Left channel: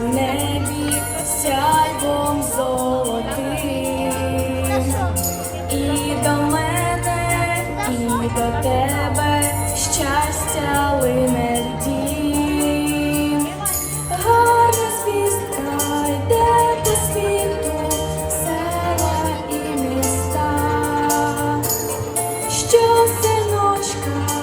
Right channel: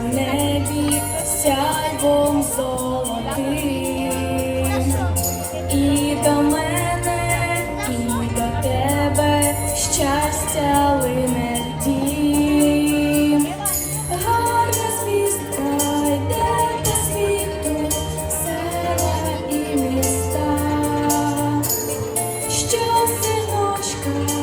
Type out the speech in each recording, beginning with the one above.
в небі сяйвом золотим. І до мене, і до тебе щастя лине в дім. Гарна звістка йде по світу, села і міста, що синочка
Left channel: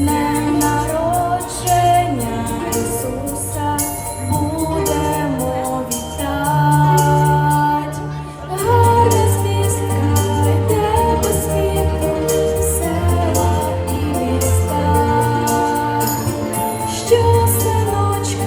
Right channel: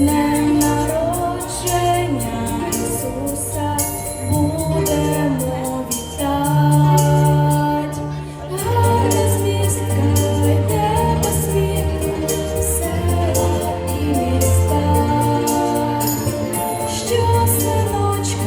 днем народження Ісуса будемо вітати. Гарна звістка йде по світу, села і міста, що синочка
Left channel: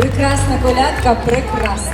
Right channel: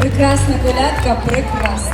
Прекрасна колядка, прекрасна.